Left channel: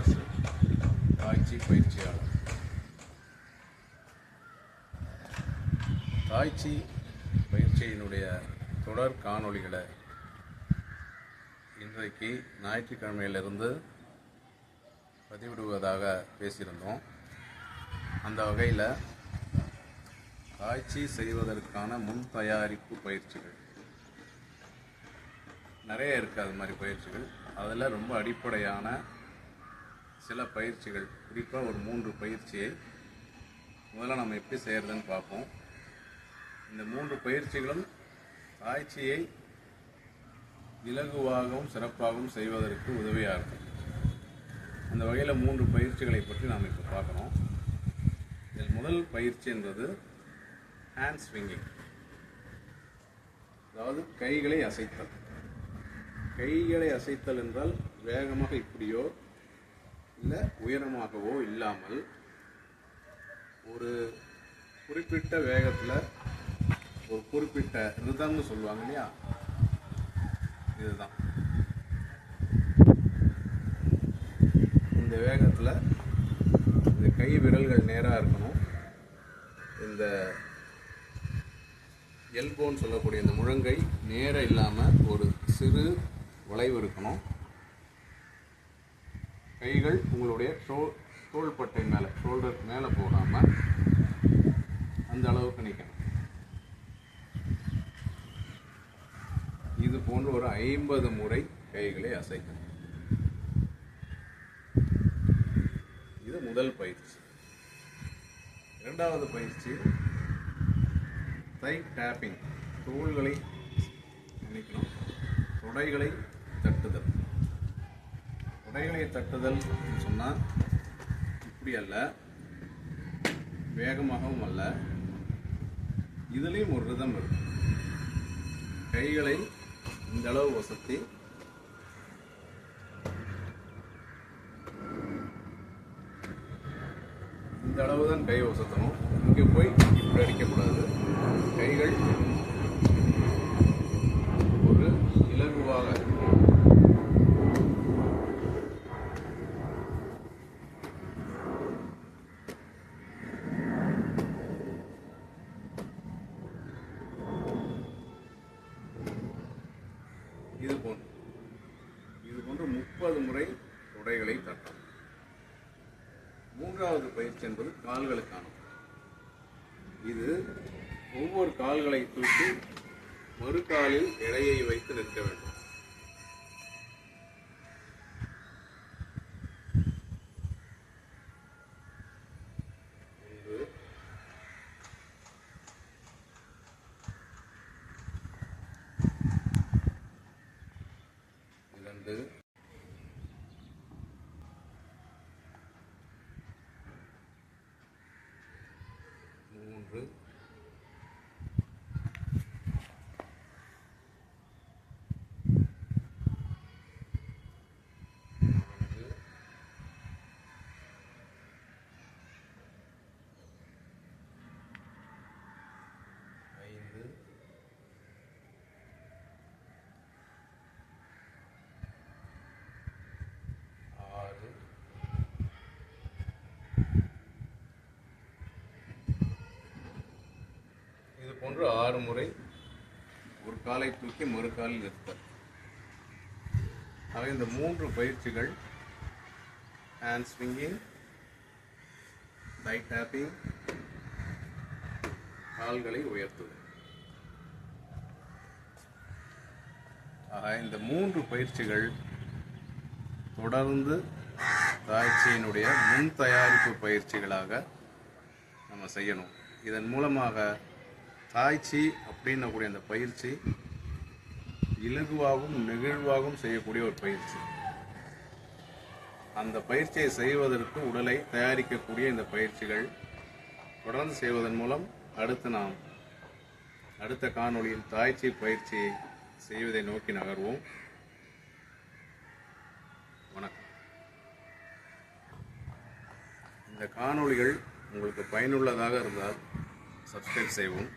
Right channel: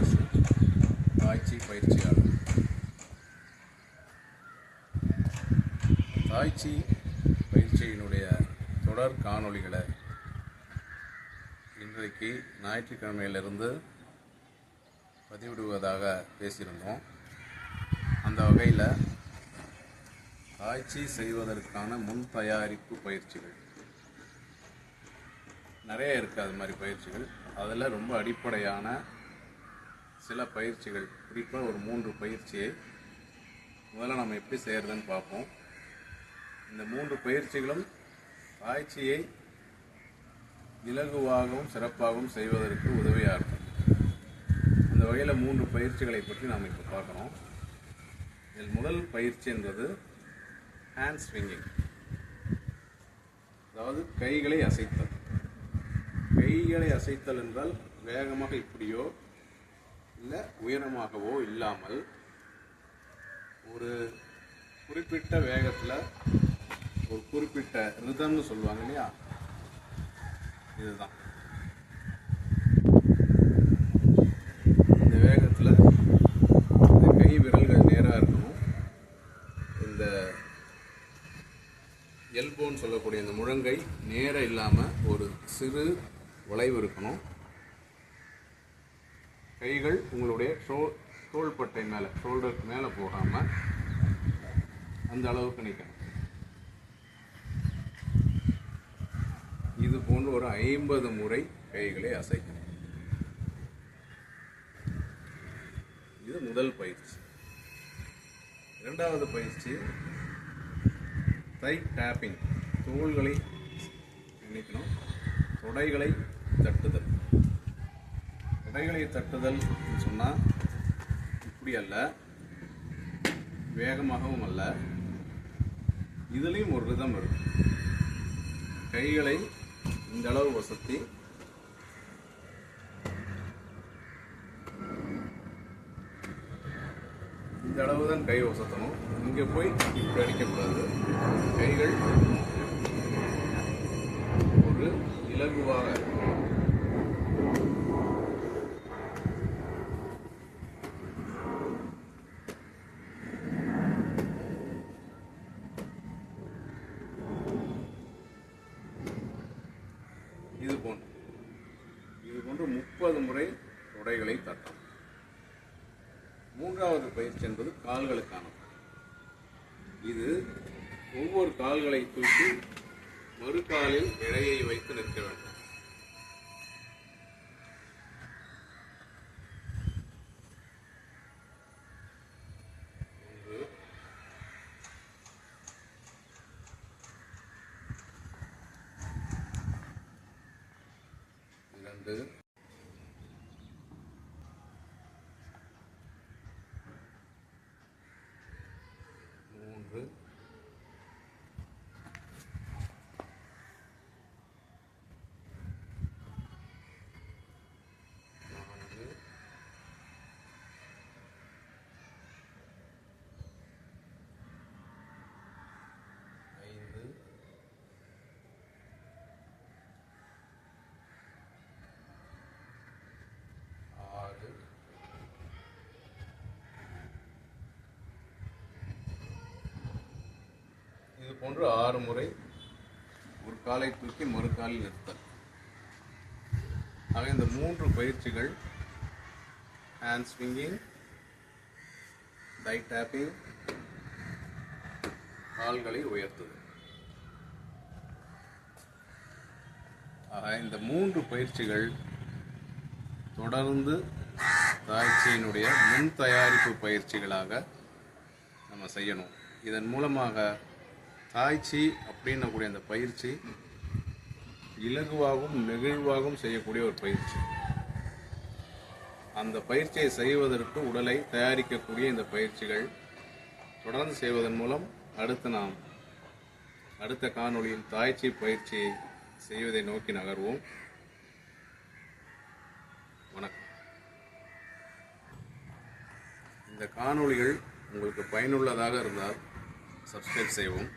Thennarasu, tai chi பயிற்சியாளர். Tai chi பயிற்சியினுடைய தொடர் காணொளிகளை இன்றைக்கு ஞாயிற்றுக்கிழமையிலிருந்து பதிவிடுவதாக பேசியிருந்தோம். அந்த வகையில் தாய்ச்சி செய்வதற்கான முன் தயாரிப்பு பயிற்சிகள் நிறைய இருக்குது. அது மாதிரி பயிற்சிகள் அதில் ரொம்ப அடிப்படையான சில பயிற்சிகள், குறிப்பாக ஒரு 3 பயிற்சியை முதல்ல நம்ம எப்படி செய்கிறதுன்னு பார்ப்போம். இந்த 3 பயிற்சிகளும் தாய்ச்சியை இலகுவாகவும் சிறப்பாகவும் செய்வதற்கு உதவியாக இருக்கும். அந்த வகையில் 3 பயிற்சிகளை பற்றி நாம் இப்போ பார்க்குறோம். இதில் முதல் பயிற்சி என்பது ஹேண்ட் ஸ்விங்கிங், அதாவது கைகளை அசைத்தல். கைகளை அசைத்தல் என்றால் வேகமாக இப்படியோ இல்லை உயரமாகவோ இல்லாமல் ஒரு குறிப்பிட்ட வேகத்தில், ஒரு குறிப்பிட்ட ரிதம்னு சொல்லுவாங்க இல்லையா, இதுதான். இந்த வேகத்தில் இந்த கை விரல்கள் நேராக இருக்கணும். இந்த எல்போன்னு சொல்லக்கூடிய இந்த முழங்கை நேராக இல்லாமல் ஒரு சிறு வளைவு இருக்கணும். கைகள் உங்களுடைய தோள்பட்டை மேலே, ஷோல்டருக்கு மேலே போகாமல் அந்த அளவுக்கு நிற்கணும். இது போன்று ஒரு 50 முறை கைகளை அசைக்கணும். இது முதல் பயிற்சி. இரண்டாவது பயிற்சி தை டேப்பிங், தோள்களை நினைக்கணும், தொடைகளை தட்டுதல். தொடைகளை தட்டுதல் சொன்னால் இப்படி அல்ல, வேகமாகவும் அல்ல, இதுலேயும் ஒரு ரிதம் இருக்கும். கைகளை இந்த அளவு வசத்தி இந்த அளவு தான் கை வசத்தணும். இங்கே போய் இப்படி அடிக்கக்கூடாது. கைகள் ஒரு இலகுவாக இது போன்று 30 முறை தொடைகளை தட்டும். மூன்றாவது பயிற்சி என்பது கால்களுக்கானது. இது ஒவ்வொரு கால்களை தூக்கி ஒரு காலில் எடையை வைத்து நிற்க வேண்டும். ஒன்று, 2, 3, 4, 5, 6, இது போன்று 6 முறை ஒரு காலை தூக்கி மறு காலில் நிறுத்தல். ஆக இந்த 3 பயிற்சிகள், ஹேண்ட் ஸ்விங்கிங், தை டேப்பிங், கால்களை உயர்த்துதல். ஆக இந்த 3 பயிற்சிகள் தொடர்ந்து தாய்ச்சியினுடைய முன் தயாரிப்பு பயிற்சிகளாக நம்ம செய்யணும். இதன் மூலமாக தாய்ச்சி அப்படின்னக்கூடிய அந்த பயிற்சி இலகுவாகவும் நெகிழ்வாகவும் செய்யக்கூடிய ஒரு பயிற்சி. அந்த பயிற்சியை செய்வதற்கு உடலை தயாரிக்கக்கூடிய இந்த பயிற்சிகள் தொடர்ந்து செய்வதன் மூலம் நாம் அடுத்த காணொளியில் தாய்ச்சி பயிற்சியை செய்வதை நோக்கி நகர்வோம். வணக்கம். இந்த காணொளிகள் உங்களுக்கு பயனுள்ளதாக இருந்தால் சப்ஸ்கிரைப் செய்வோம்.